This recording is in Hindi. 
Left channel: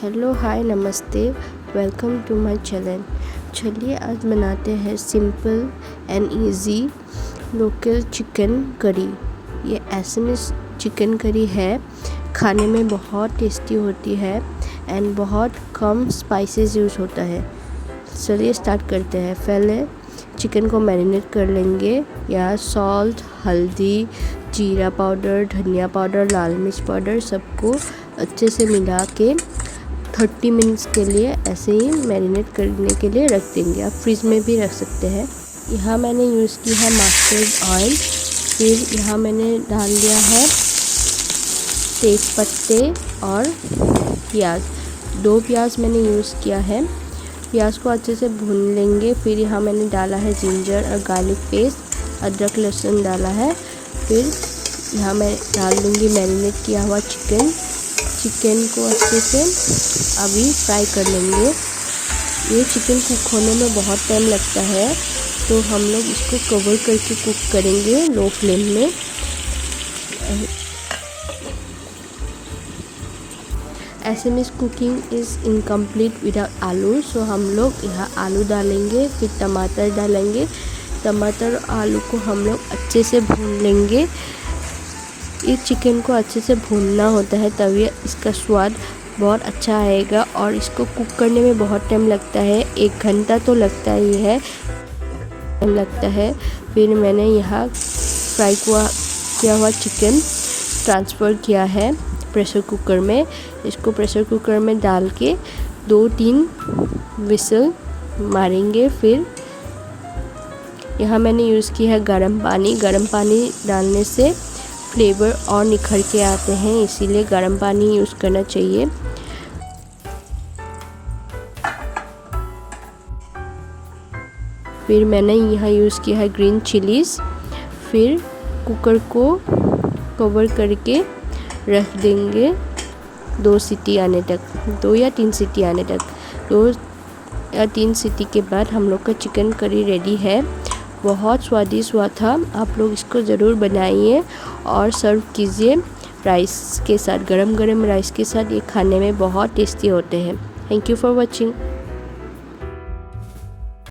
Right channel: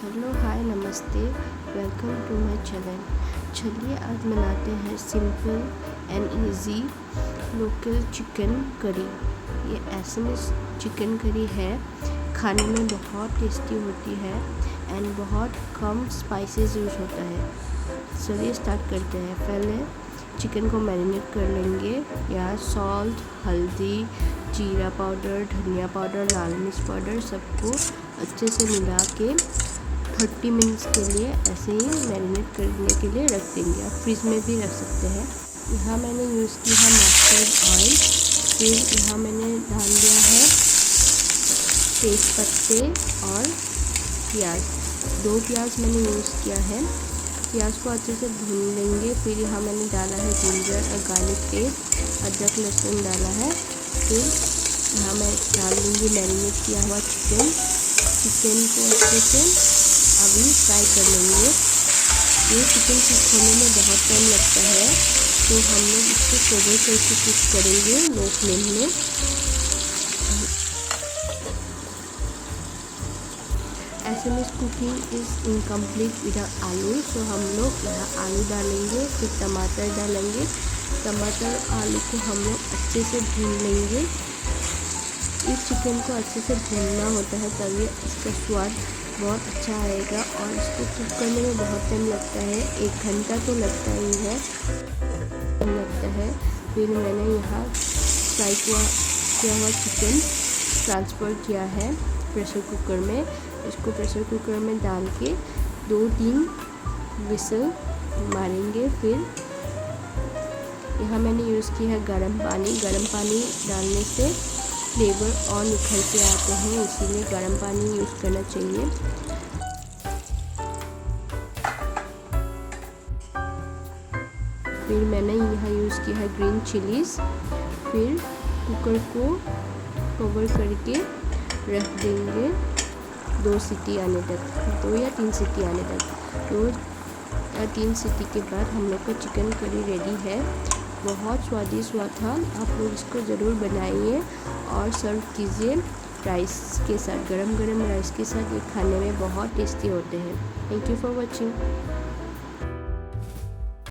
हेलो हाय नमस्ते, वेलकम टू माय चैनल। चलिए आज बनाते हैं simple and easy local chicken curry. ये एसएमएस चिकन करी है, खाने में बहुत टेस्टी होती है एंड बहुत कम स्पाइसेस यूज़ होता है। चलिए स्टार्ट करते हैं। पहले चिकन को मैरिनेट कर लेंगे। यहाँ सॉल्ट, हल्दी, जीरा पाउडर, धनिया पाउडर, लाल मिर्च पाउडर सबको अच्छे से मिला के 30 मिनट्स के लिए ऐसे ही मैरिनेट करने के लिए रख देंगे। आप फ्रिज में भी रख सकते हैं। यहाँ मैंने यूज़ किया है मस्टर्ड ऑयल। फिर यहाँ मैंने डाल दिया है तेज पत्ते और प्याज। 2 प्याज मैंने यूज़ किया है। प्याज को अच्छे से भून लेंगे। फिर यहाँ मैंने डाला है जिंजर और गार्लिक पेस्ट, अदरक लहसुन डाला है। फिर यहाँ मैं डाल दूँगी मैरिनेट किया हुआ चिकन को अच्छे से अभी फ्राई कर लेंगे। ये चिकन होने में बहुत टाइम लगता है, तो हम लोग इसको कवर करके कुक करेंगे लो फ्लेम में। ऐसे में कुकिंग इज़ इनकम्प्लीट विदाउट आलू, सो हम लोग यहाँ आलू डालेंगे। फिर टमाटर डालेंगे। टमाटर और आलू को हम लोग अच्छे से भून लेंगे। इस चिकन को अच्छे से भूनना होता है, तभी इसका स्वाद बहुत अच्छा आएगा। और इसको कुक करने में बहुत टाइम लगता है, 1 घंटा तो लगता ही है। फिर मैंने यहाँ फ्राई किया हुआ चिकन ट्रांसफ़र किया है प्रेशर कुकर में। इसको प्रेशर कुकर में डाल के 2-3 विसल मारेंगे। फिर यहाँ मैंने यूज़ किया है गर्म पानी डालने से फ्लेवर और निखर के आते हैं, इसीलिए गर्म पानी यूज़ करना चाहिए। फिर मैंने यहाँ यूज़ किया है ग्रीन चिलीज़। फिर कुकर को कवर करके रख देंगे 2 सीटी आने तक, 2 या 3 सीटी आने तक। 2 या 3 सीटी के बाद हम लोग का चिकन करी रेडी है। बहुत स्वादिष्ट हुआ था। आप लोग इसको ज़रूर बनाइए और सर्व कीजिए राइस के साथ। गरम गरम राइस के साथ ये खाने में बहुत टेस्टी होते हैं। Thank you for watching.